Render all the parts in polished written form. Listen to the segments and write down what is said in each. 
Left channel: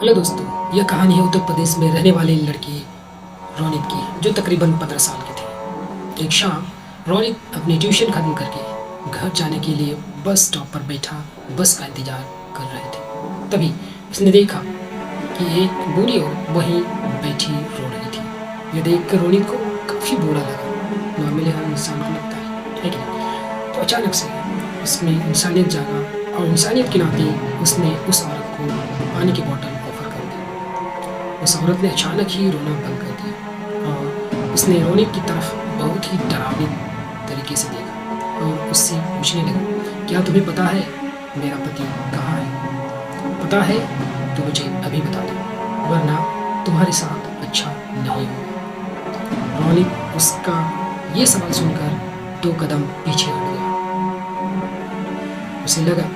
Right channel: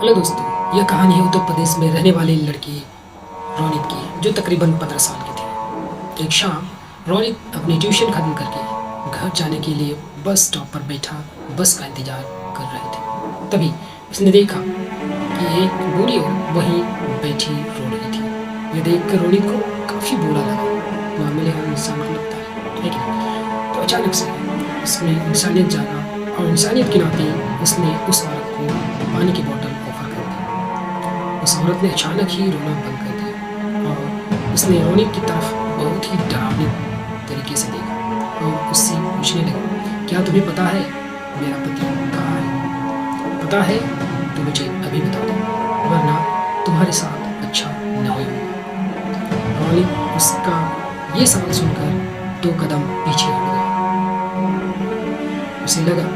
Hello दोस्तों, यह कहानी है उत्तर प्रदेश में रहने वाली लड़की रोनित की, जो तकरीबन 15 साल की थी। एक शाम रोनित अपनी ट्यूशन खत्म करके घर जाने के लिए बस स्टॉप पर बैठा बस का इंतजार कर रहे थे। तभी उसने देखा कि एक बूढ़ी औरत वहीं बैठी रो रही थी। यह देखकर रोनित को काफ़ी बुरा लगा। नॉर्मली हर इंसान को लगता है कि नहीं? तो अचानक से उसमें इंसानियत जागा और इंसानियत के नाते उसने उस औरत को पानी की बोतल ऑफर कर दी। उस औरत ने अचानक ही रोना बंद कर दिया और उसने रोनित की तरफ बहुत ही डरावनी तरीके से देखा और उससे पूछने लगा, क्या तुम्हें पता है मेरा पति कहाँ है? पता है तो मुझे अभी बता दो, वरना तुम्हारे साथ अच्छा नहीं होगा। रोनित उसका ये सवाल सुनकर 2 कदम पीछे हट गया। उसे लगा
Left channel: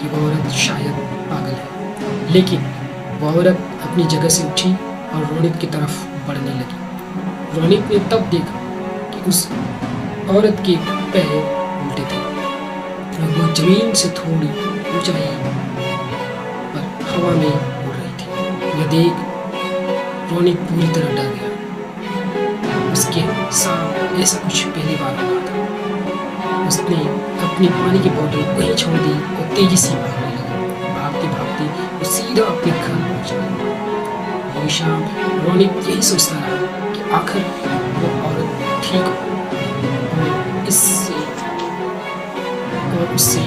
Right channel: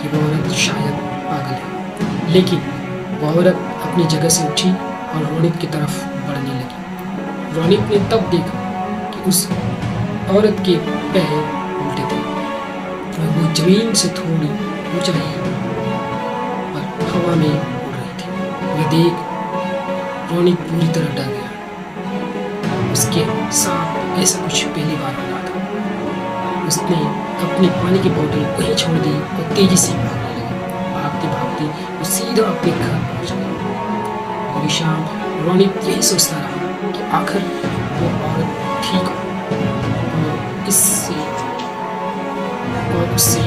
कि वह औरत शायद पागल है, लेकिन वह औरत अपनी जगह से उठी और रोनित की तरफ बढ़ने लगी। रोनित ने तब देखा कि उस औरत के पैर उल्टे थे और वो जमीन से थोड़ी ऊंचाई पर हवा में उड़ रही थी। यह देख रोनित पूरी तरह डर गया। उसके साथ ऐसा कुछ पहली बार हुआ था। उसने अपनी पानी की बोतल वहीं छोड़ दी और तेजी से भागने लगा। भागते भागते वो सीधा अपने घर पहुंच गया। पूरी शाम रोनित यही सोचता रहा कि आखिर वो औरत ठीक हो और उससे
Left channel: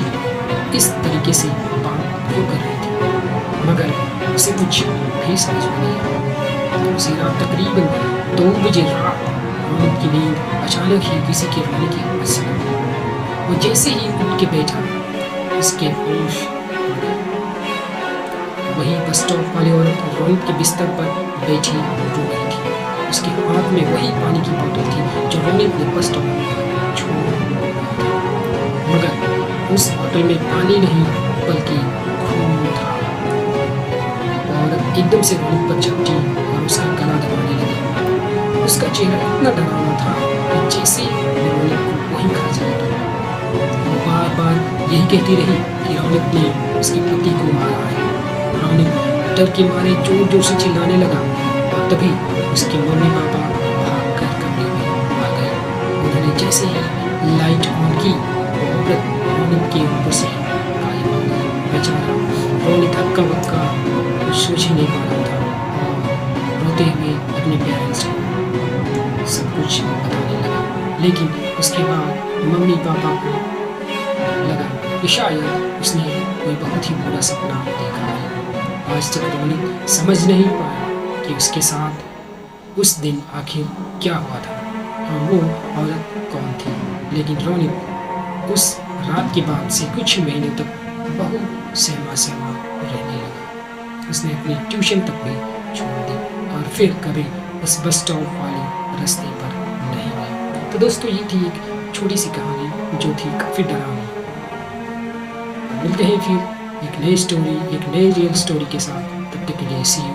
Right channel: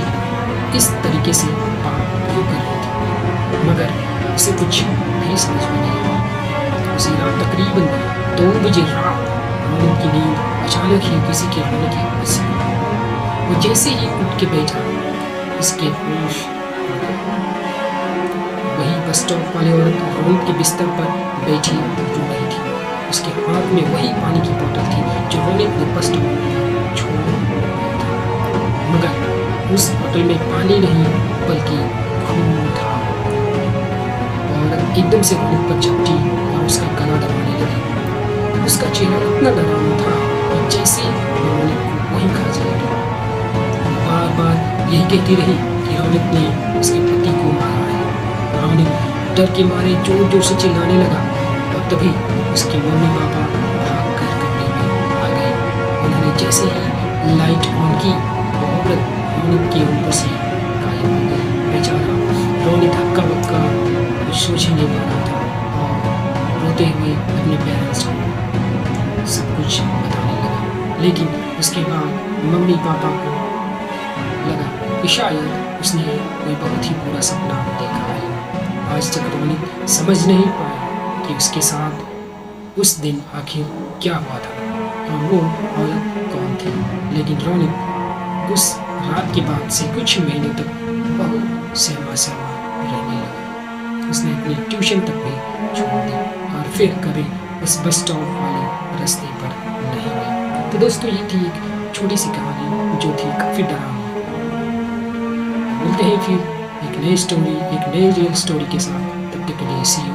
इस तरीके से बात क्यों कर रही थी, मगर उसे कुछ भी समझ में नहीं आया। उसी रात तकरीबन 2 बजे रात रोनित की नींद अचानक ही किसी के रोने की आवाज से खुली। वो जैसे ही उठ के बैठा, उसके होश उड़ गए। वही बस स्टॉप वाली औरत रोनित के बिस्तर पर बैठी रो रही थी। उसके हाथ में वही पानी की बोतल थी जो रोनित ने बस स्टॉप पर छोड़ दिया था, मगर उस बोतल में पानी नहीं बल्कि खून था। वो औरत एकदम से रोनित पर झपटी और उसका गला दबाने लगी। उसका चेहरा इतना डरावना था कि जैसे वो रोनित को वहीं खा जाएगी। वो बार बार यही कहती रही कि रोनित ने उसके पति को मारा है। रोनित डर के मारे जोर जोर से चिल्लाने लगा और तभी उसके मम्मी पापा भाग कर कमरे में आ गए। उन्होंने जैसे ही लाइट ऑन की, वो औरत रोनित के ऊपर से गायब हो गई। बेचारा रोनित हक्का बक्का कुछ सोच ही नहीं पा रहा था और रोते हुए अपने पेरेंट्स को सब कुछ बताने लगा। लेकिन उसके बाद मम्मी पापा को लगा कि शायद उसने कोई बहुत ही बुरा सपना देखा है। आज तक रोनित समझ नहीं पाया कि उसके साथ उस दिन आखिर क्या हुआ था और वो औरत कौन थी। लेकिन रोनित उस रात के बाद से कुछ महीने तक बहुत सहमा सहमा रहने लगा। उसने अपनी ट्यूशन तक भी छोड़ दी और फिर कभी उस बस स्टॉप वाले रास्ते पर नहीं गया। तो दोस्तों, ये थी एक छोटी सी कहानी जो थी काफ़ी डरावनी। मिलते हैं फिर एक नई स्टोरी, एक नई रियल स्टोरी के साथ। तब तक के लिए सी यू।